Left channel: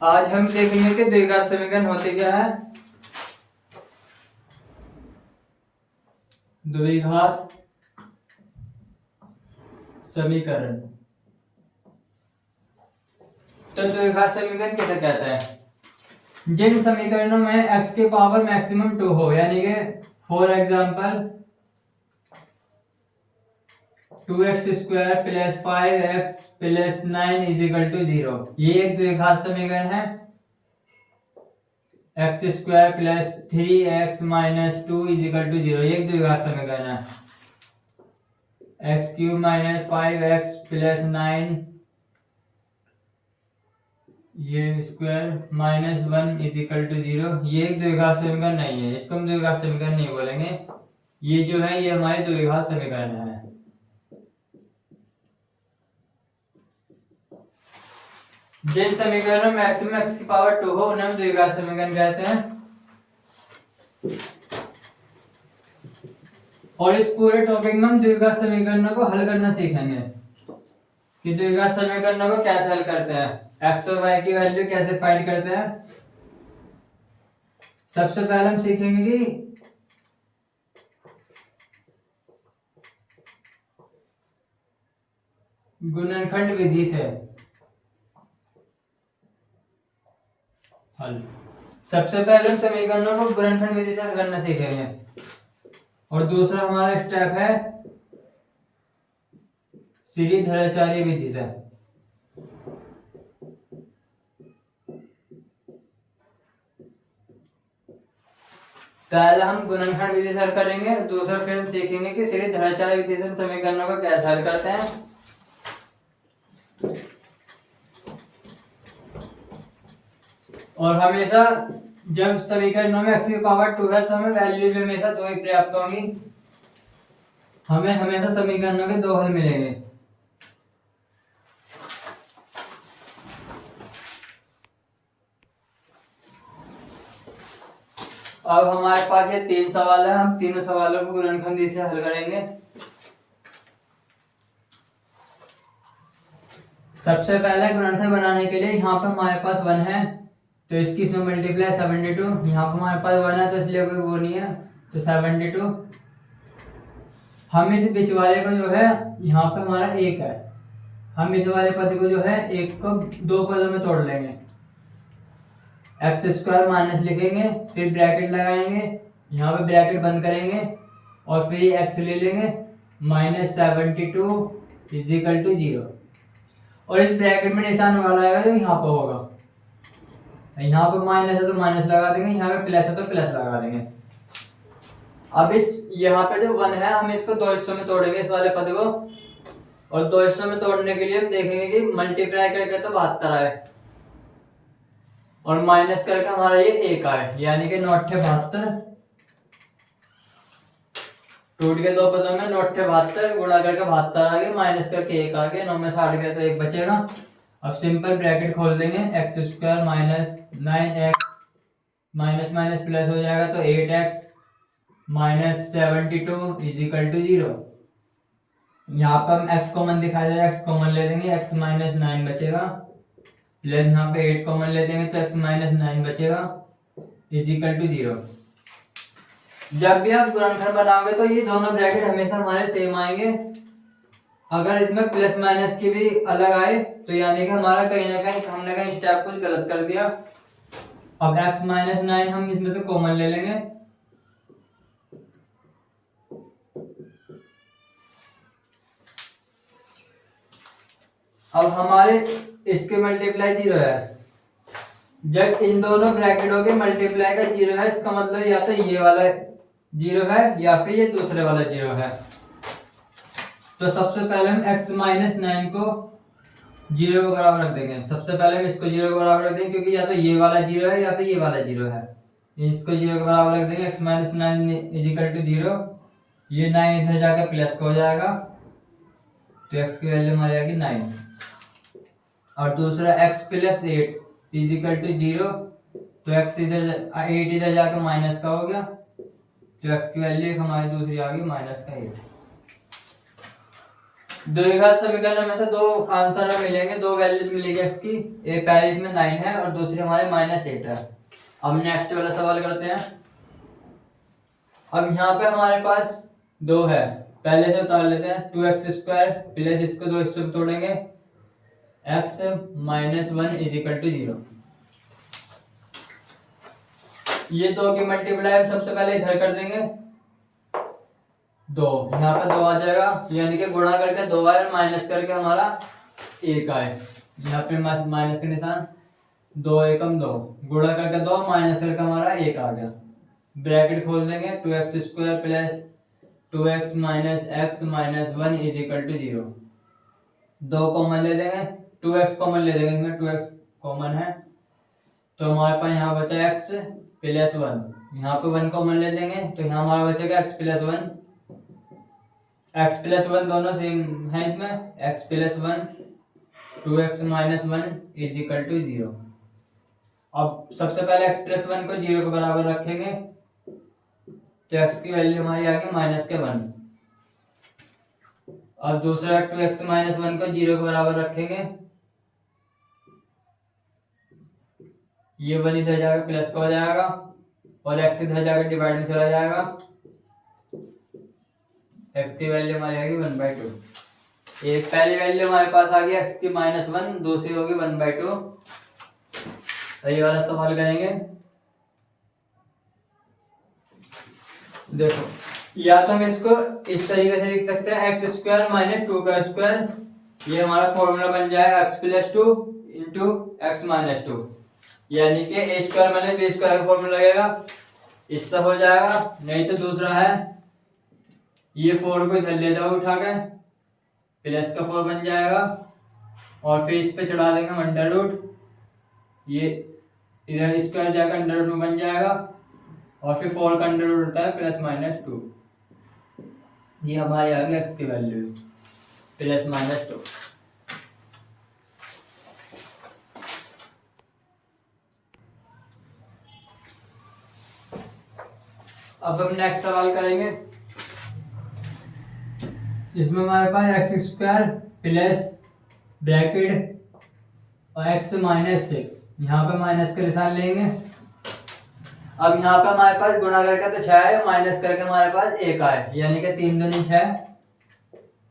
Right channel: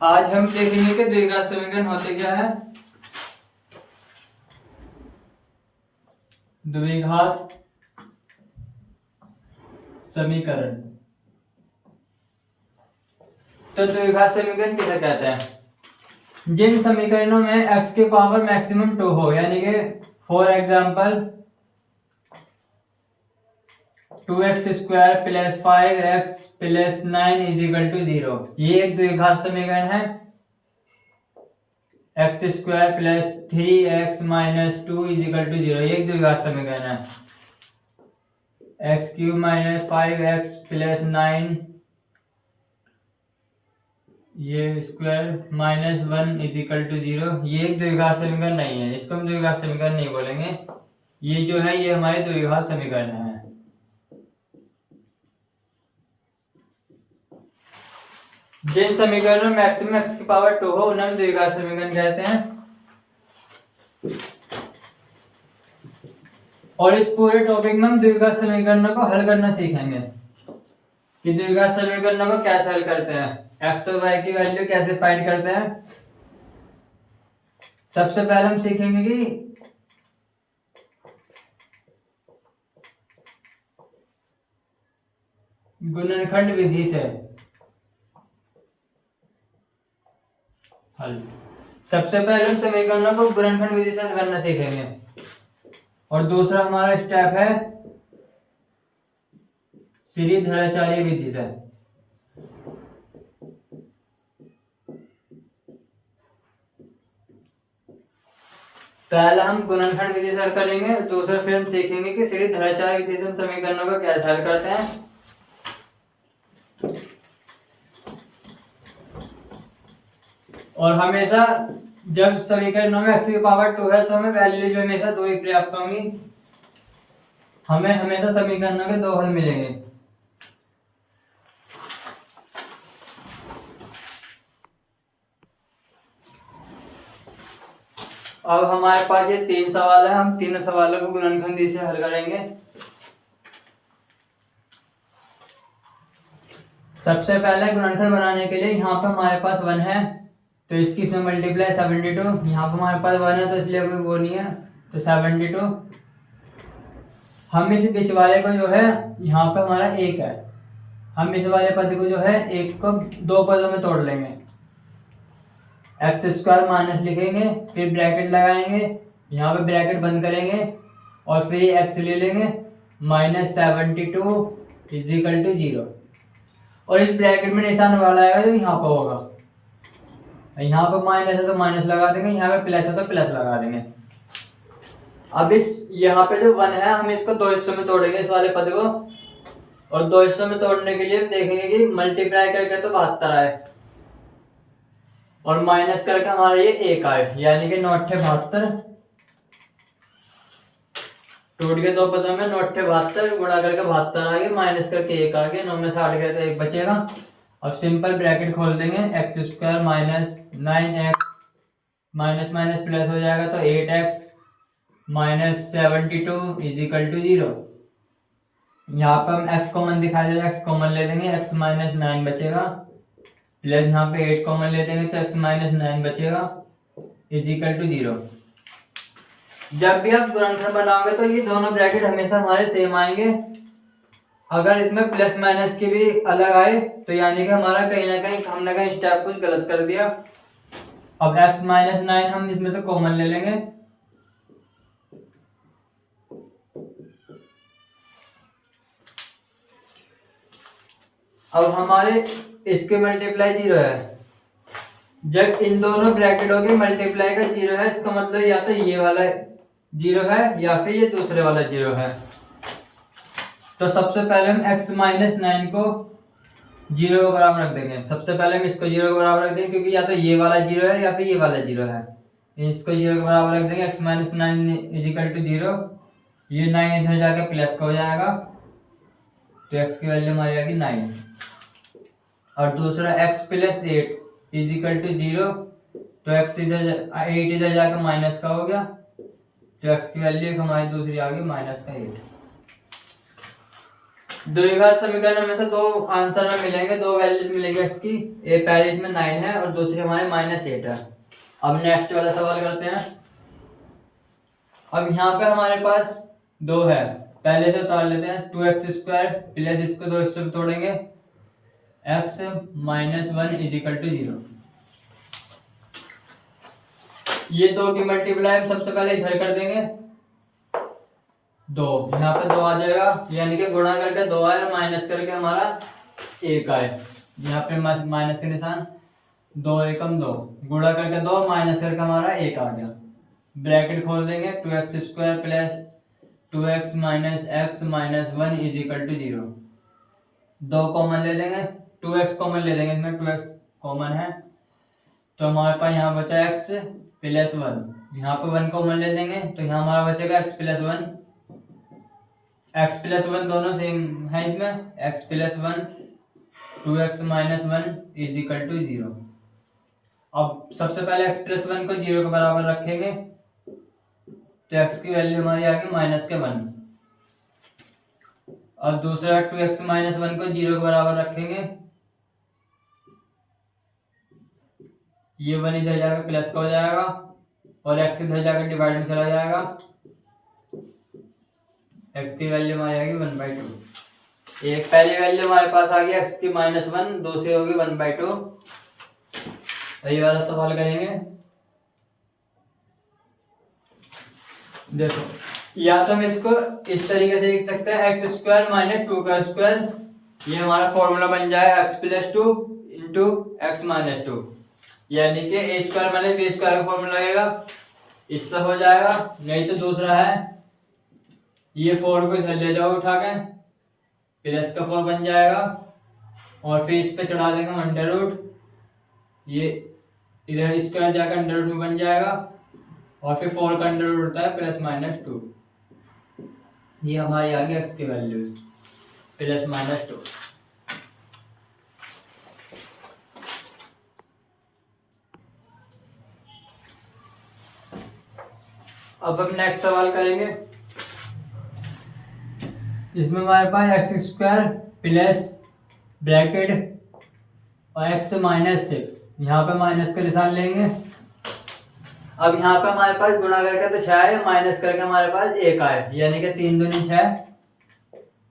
आज हम देखेंगे कि द्विघात समीकरण होते क्या है। द्विघात समीकरण। तो द्विघात समीकरण किसे कहते हैं? जिन समीकरणों में x के पावर मैक्सिमम 2 हो, यानी कि फॉर एग्जाम्पल 2x² + 5x + 9 = 0, ये एक द्विघात समीकरण है। x² + 3x - 2 = 0, ये एक द्विघात समीकरण है। x³ - 5x + 9 ये स्क्वायर -1 = 0, ये एक द्विघात समीकरण नहीं है, इसको हम द्विघात समीकरण नहीं बोलेंगे। ये जो है ये हमारे द्विघात समीकरण है। जिन समीकरणों में मैक्सिमम x की पावर 2 हो उन्हें हम द्विघात समीकरण कहते हैं। और इस पूरे टॉपिक में हम द्विघात समीकरणों को हल करना सीखेंगे कि द्विघात समीकरणों को कैसे हल करते हैं, x और y की वैल्यू कैसे फाइंड करते हैं। सबसे पहले हम सीखेंगे कि गुणनखंड विधि से हल। सबसे पहले हम समीकरणों को गुणनखंड विधि से हल करना सीखेंगे। और दूसरा हमारा स्टेप है श्रीधराचार्य विधि से। पहला हम गुणनखंड विधि से हल करेंगे, दूसरा फिर हम सीखेंगे कि श्रीधराचार्य विधि से हम समीकरणों को कैसे हल करते हैं। और हमेशा जब समीकरणों में x की पावर 2 है तो हमें वैल्यू जो हमेशा 2 ही प्राप्त होंगी। हमें हमेशा समीकरणों के 2 हल मिलेंगे। अब हमारे पास ये 3 सवाल है, हम तीनों सवालों को गुणनखंड विधि से हल करेंगे। सबसे पहले गुणनखंड बनाने के लिए यहाँ पर हमारे पास 1 है तो इसकी इसमें मल्टीप्लाई 72, यहाँ पर हमारे पास 1 है तो इसलिए कोई वो नहीं है तो 72। हम इस बीच वाले को जो है यहाँ पर हमारा 1 है, हम इस वाले पद को जो है 1 को 2 पदों में तोड़ लेंगे। x² माइनस लिखेंगे, फिर ब्रैकेट लगाएंगे, यहाँ पे ब्रैकेट बंद करेंगे और फिर ये x ले लेंगे -72 = 0। और इस ब्रैकेट में निशान वाला आएगा तो यहाँ पर होगा, यहाँ पर माइनस है तो माइनस लगा देंगे, यहाँ पे प्लस है तो प्लस लगा देंगे। अब इस यहाँ पे जो 1 है हम इसको 2 हिस्सों में तोड़ेंगे इस वाले पद को, और 2 हिस्सों में तोड़ने के लिए हम देखेंगे कि मल्टीप्लाई करके तो 72 आए और माइनस करके हमारा ये 1 आए, यानी कि 9 × 72 टूट के 2 पदों में 9 × 72 गुणा करके 72 आ गए, माइनस करके 1 आ गया, 9 में 60 गए तो 1 बचेगा। अब सिंपल ब्रैकेट खोल देंगे, x² - 9x minus minus plus हो जाएगा तो 8x -72 = 0। यहाँ पर हम x कॉमन दिखाई दे रहा है, x कॉमन ले देंगे, x - 9 बचेगा, प्लस यहाँ पे 8 कॉमन ले देंगे तो x - 9 बचेगा = 0। जब भी आप गुणनखंड बनाओगे तो ये दोनों ब्रैकेट हमेशा हमारे सेम आएंगे। अगर इसमें प्लस माइनस की भी अलग आए तो यानी कि हमारा कहीं ना कहीं हमने कहीं स्टेप कुछ गलत कर दिया। अब x - 9 हम इसमें से कॉमन ले लेंगे, अब हमारे इसके मल्टीप्लाई 0 है। जब इन दोनों ब्रैकेटों के मल्टीप्लाई का 0 है इसका मतलब या तो ये वाला 0 है या फिर ये दूसरे वाला 0 है। तो सबसे पहले हम x - 9 को 0 के बराबर रख देंगे। सबसे पहले हम इसको 0 के बराबर रख देंगे क्योंकि या तो ये वाला 0 है या फिर ये वाला 0 है। इसको 0 के बराबर रख देंगे, x - 9 = 0। ये 9 इधर जाकर प्लस का हो जाएगा तो x की वैल्यू हमारी आएगी 9। और दूसरा x + 8 = 0, तो x इधर 8 इधर जाकर माइनस का हो गया तो x की वैल्यू हमारी दूसरी आ गई -8। द्विघात समीकरण में से दो आंसर में मिलेंगे, दो वैल्यू मिलेगी एक्स की। एक पहले इसमें 9 है और दूसरे हमारे -8 है। अब नेक्स्ट वाला सवाल करते हैं। अब यहाँ पे हमारे पास 2 है, पहले से उतार लेते हैं। 2x² प्लस इसको 2 से तोड़ेंगे, x - 1 = 0। ये 2 की मल्टीप्लाई हम सबसे पहले इधर कर देंगे, 2 यहाँ पे 2 आ जाएगा, यानी कि गुणा करके 2 आए और माइनस करके हमारा 1 आए। यहाँ पे माइनस के निशान, 2 एकम 2, गुणा करके 2 माइनस करके हमारा 1 आ गया। ब्रैकेट खोल देंगे, 2x² plus 2x - x - 1 = 0। 2 common ले लेंगे, 2x कॉमन ले लेंगे, इसमें 2x कॉमन है तो हमारे पास यहाँ बचा x प्लस 1। यहाँ पे 1 कॉमन ले लेंगे तो यहाँ हमारा बचेगा x प्लस 1। x प्लस 1 दोनों सेम है इसमें, x प्लस 1 2x - 1 = 0। अब सबसे पहले x प्लस 1 को 0 के बराबर रखेंगे तो x की वैल्यू हमारी आ गई -1। अब दूसरा 2x - 1 को 0 के बराबर रखेंगे, ये 1 इधर जाकर प्लस का हो जाएगा और x इधर जाकर डिवाइड में चला जाएगा। x की वैल्यू हमारी आ गई 1/2। एक पहली वैल्यू हमारे पास आ गई x की -1, दूसरी होगी 1/2। ये वाला सवाल करेंगे। देखो, या तो हम इसको इस तरीके से लिख सकते हैं, x² - 2 ये हमारा फॉर्मूला बन जाए x + 2 × x - 2, यानी कि a² - b² का फॉर्मूला लगेगा, इससे हो जाएगा। नहीं तो दूसरा है, ये 4 को इधर ले जाओ उठा के, प्लस का 4 बन जाएगा और फिर इस पे चढ़ा देंगे अंडर रूट, ये इधर स्क्वायर जाकर अंडर रूट में बन जाएगा और फिर 4 का अंडर रूट होता है +-2। ये हमारी आ गई x की वैल्यूज +-2। अब हम नेक्स्ट सवाल करेंगे। इसमें हमारे पास x² प्लस ब्रैकेट और x - 6, यहाँ पे माइनस का निशान लेंगे। अब यहाँ पे हमारे पास गुणा करके तो 6 है, माइनस करके हमारे पास 1 आए, यानी कि 3 दूनी 6,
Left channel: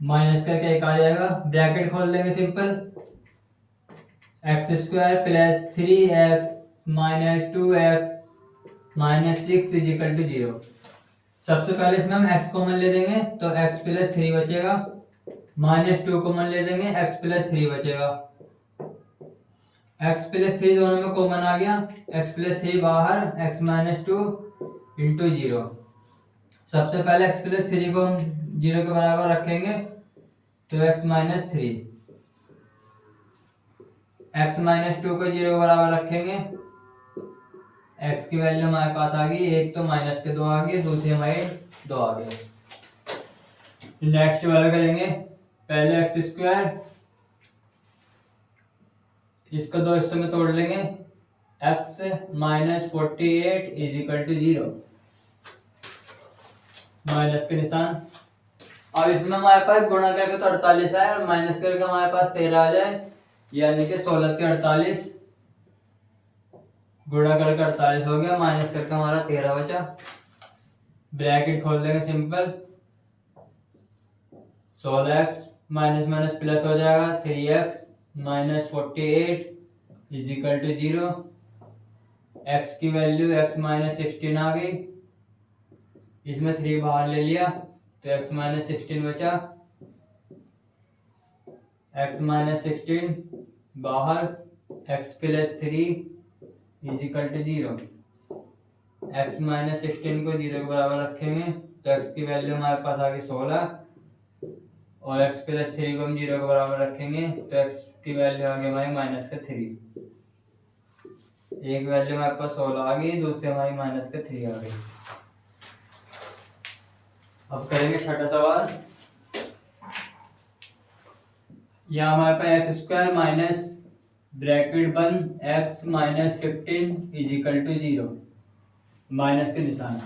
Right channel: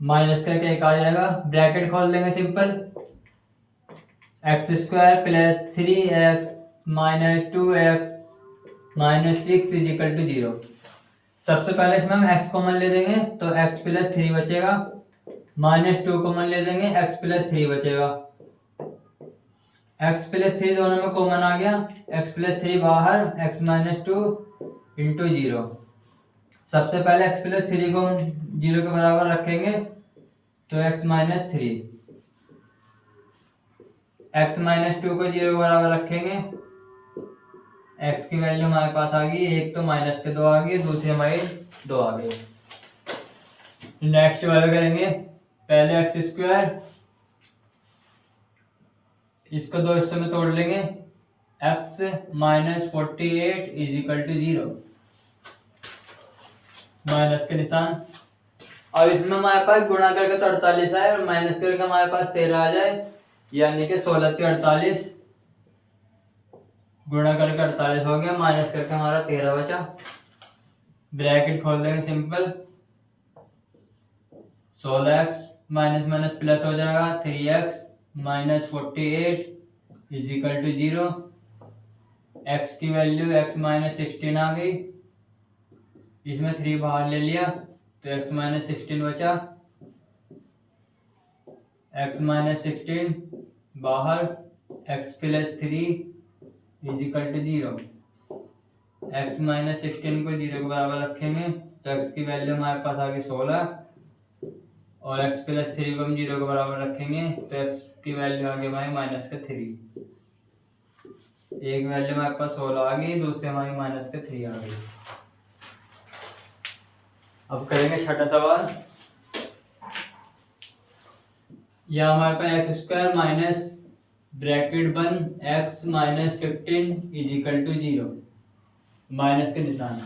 माइनस करके 1 आ जाएगा। ब्रैकेट खोल देंगे simple, x² plus 3x - 2x - 6 = 0। सबसे पहले इसमें हम x कॉमन ले देंगे तो x + 3 बचेगा, -2 कॉमन ले देंगे, x + 3 बचेगा। x + 3 दोनों में कॉमन आ गया, x + 3 बाहर, x - 2 × 0। सबसे पहले x + 3 को 0 के बराबर रखेंगे तो x - 3, x - 2 को 0 के बराबर रखेंगे, x की वैल्यू हमारे पास आ गई, एक तो माइनस के 2 आ गई, दूसरी हमारी 2 आ गई। नेक्स्ट वाला करेंगे, पहले x², इसको 2 हिस्सों में तोड़ लेंगे, x - 48 = 0, माइनस के निशान। अब इसमें हमारे पास गुणा करके तो 48 है और माइनस करके हमारे पास 13 आ जाए, यानी कि 16 के 48, गुणा करके 48 हो गया, माइनस करके हमारा 13 बचा। ब्रैकेट खोल देंगे सिंपल, 16x माइनस प्लस हो जाएगा, 3x - 48 = 0। x की वैल्यू x - 16 आ गई, इसमें 3 बाहर ले लिया तो x - 16 बचा, x - 16 बाहर, x + 3 = 0। x - 16 को 0 के बराबर रखेंगे तो x की वैल्यू हमारे पास आ गई 16 और x + 3 को हम 0 के बराबर रखेंगे तो x की वैल्यू आ गई हमारी -3। एक वैल्यू हमारे पास 16 आ गई, दूसरी हमारी -3 आ गई। अब करेंगे छठा सवाल। यहाँ हमारे पास x² माइनस ब्रैकेट बंद x - 15 = 0, माइनस के निशान।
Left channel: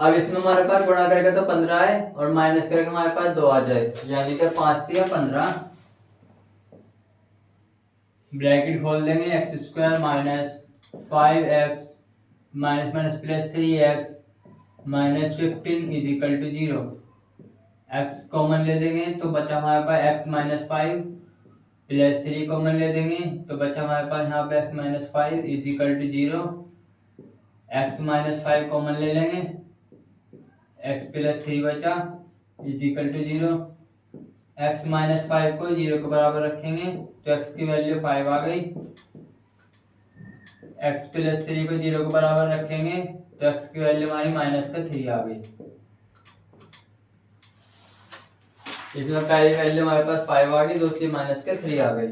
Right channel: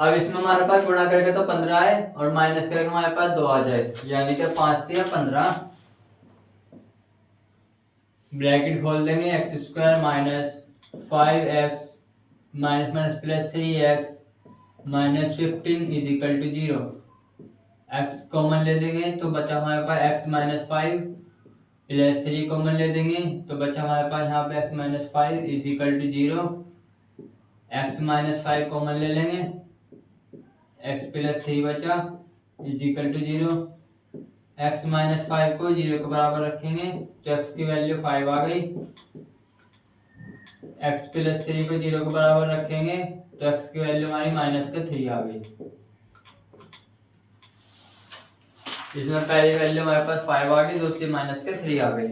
अब इसमें हमारे पास गुणा करेगा तो 15 है और माइनस करेगा हमारे पास 2 आ जाए, यानी कि 5 दिया 15, ब्रैकेट खोल देंगे x square minus 5x minus minus plus 3x minus 15 is equal to 0। x common ले देंगे तो बचा हमारे पास x माइनस 5 प्लस 3 कॉमन ले देंगे तो बचा हमारे पास यहाँ पे x minus 5 is equal to 0। x minus 5 common ले लेंगे, x प्लस 3 बचा is equal to 0। x minus 5 को 0 के बराबर रखेंगे तो x की वैल्यू 5 आ गई। x प्लस 3 को 0 के बराबर रखेंगे तो x की वैल्यू हमारी माइनस का 3 आ गई। इसमें पहली वैल्यू हमारे पास 5 आ गई, दूसरी माइनस का 3 आ गई।